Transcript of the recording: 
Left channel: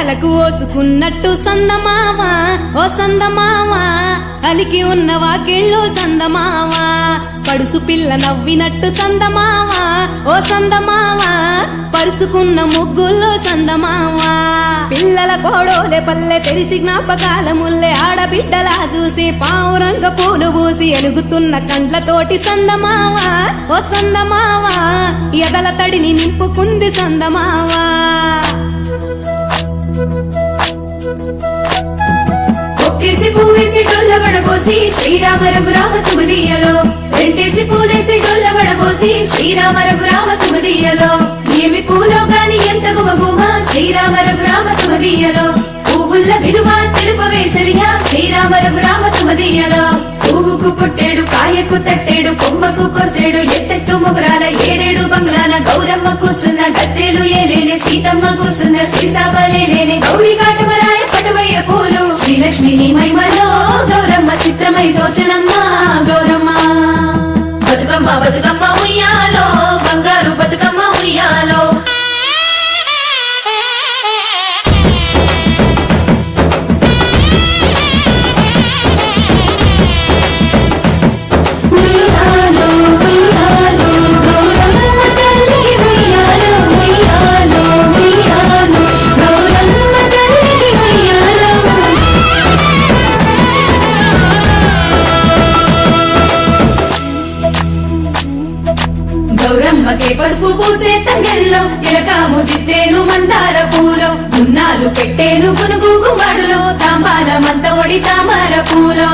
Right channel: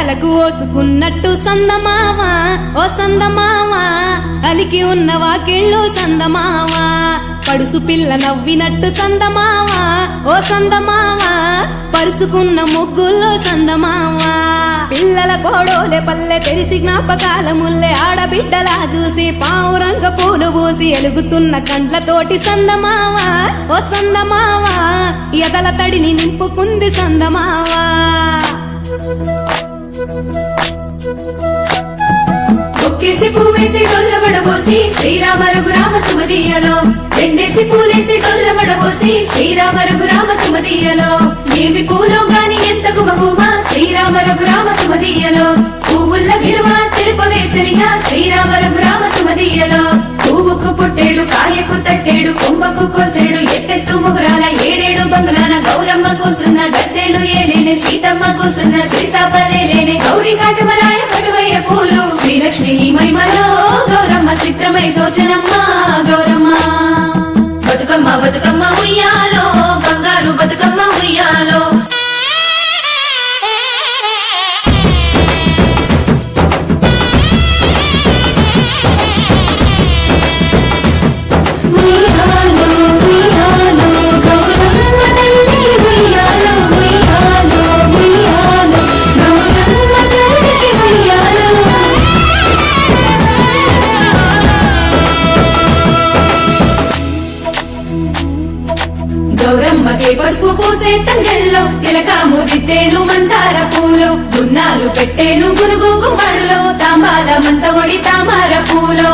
తలకు ఓసుకున్నట్టు సందమావా ఓ సందమావా అలికి ఉన్న వాకిళ్ళు సందమావా పడుసు పిల్ల నవ్వినట్టు సందమావా ఓ సందమావా పరుసుకున్న ముగ్గుల్లో సందమావా పిల్లల కోడోలే పల్లె తెరిసి జ్ఞాపకాల ముల్లె ఆడబిడ్డలా చూసి పావురంగ పూలు పూసి ఎలుగుతున్న కండ్లతోటి సందమావా ఓ సందమావా ఎదల తడిని నింపుకుంది సందమావా ఒక్కేసి పువ్వేసి డొల్లబడబోసి శ్రీరామ రఘురామ తుమదీయలో రెండేసి పూలేసి డొల్లబడబోసి శ్రీరామ రఘురామ తుమదీయలో ఏమి పూలో గాని ఎంత గుమగుమ శ్రీరామ రఘురామ తుమదీయలో పువ్వుల్ల విలువ తెలుపవేసలిగా శ్రీరామ రఘురామ తుమదీయలో పువ్వుకు పుట్టేడు కాయకు తట్టేడు కొమ్మకు కోసేడు ఎత్తెత్తు ముగురాల ఏడేడు బంగులాల గౌరమ్మ కూసున్న గద్దెలు ఏలేనే సీతమ్మ కూసున్న శ్రీసాపలేనే గౌరీ కాటమరాయ పటువయ్య పూలు శ్రీలక్ష్మి నీ మహిమలో గౌరమ్మ చిత్రమై దోచనమ్మ గౌరమ్మ బతుకమ్మ బతుకమ్మ ఉయ్యాలో బంగారు బతుకమ్మ ఉయ్యాలో గౌరమ్మకే పసుపు పూసే తంగెల్లో తిలకాము దిద్దేను మందార పూలో గున్నాలు పెట్టేను గునుగు గుమాడులో తాంబాల మంత ఒడి తామర పూలో